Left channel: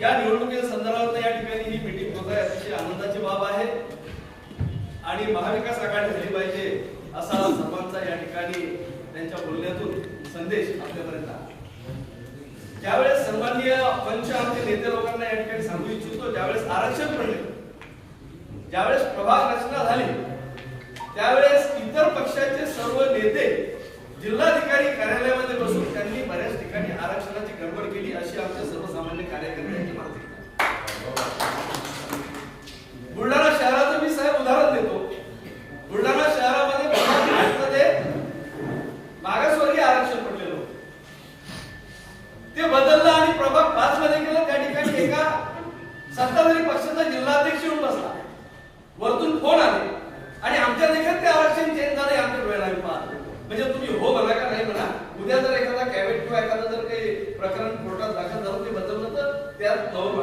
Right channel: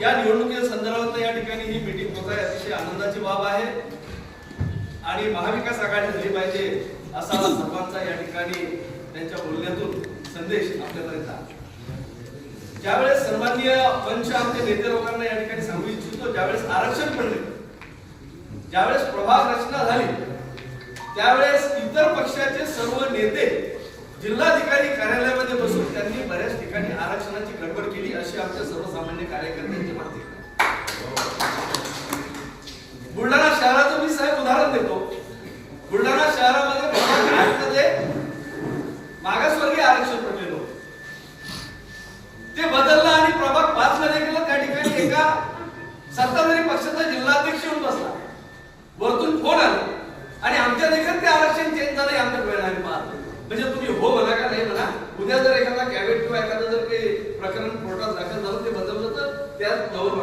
या निवडणुकी संदर्भात या ठिकाणी ही मीटिंग होत आहे. अतिशय आनंदाची बाब आहे. आणि महाविकास आघाडी झाली पाहिजे असा सर्वांचा या ठिकाणी त्यांच्या बोलण्यातून संदेश आपल्यापर्यंत ज्यावेळेस सन्माननीय पंच आमचे नेते लोकांना या ठिकाणी सांगू इच्छितो ज्यावेळेस आरक्षण पडले ज्यावेळेस प्रभाग रचना झाली त्यावेळेस इतर पक्षाचे सर्व नेते जिल्हाधिकारी कार्यालयामध्ये बसून त्यांनी बऱ्याच ठिकाणी आरक्षणाची गडबड केली अशी आमच्या सर्व कार्यकर्त्यांची माहिती बुलढाणा शहराचं मी साहेब उदाहरण देतो. बुलढाणा शहरामध्ये आठमध्ये मागासवर्गीय आरक्षण पडलेलं होतं. ते बदललं आणि प्रभाग पाच मध्ये गेलं. त्या ठिकाणी एका सत्ताधारी पक्षाचा जिल्हाध्यक्ष येऊन बसला. वरतून फोन आले. आणि आमच्या देखत ते आरक्षण चेंज झालं आमच्या डोळ्याला आम्ही पाहतो म्हणजे तुम्ही हो म्हणा का नाही म्हणा उद्या जर एखादा कॅबिनेट किंवा एखादं जर काही प्रकरण कोर्टात दाखल झालं ते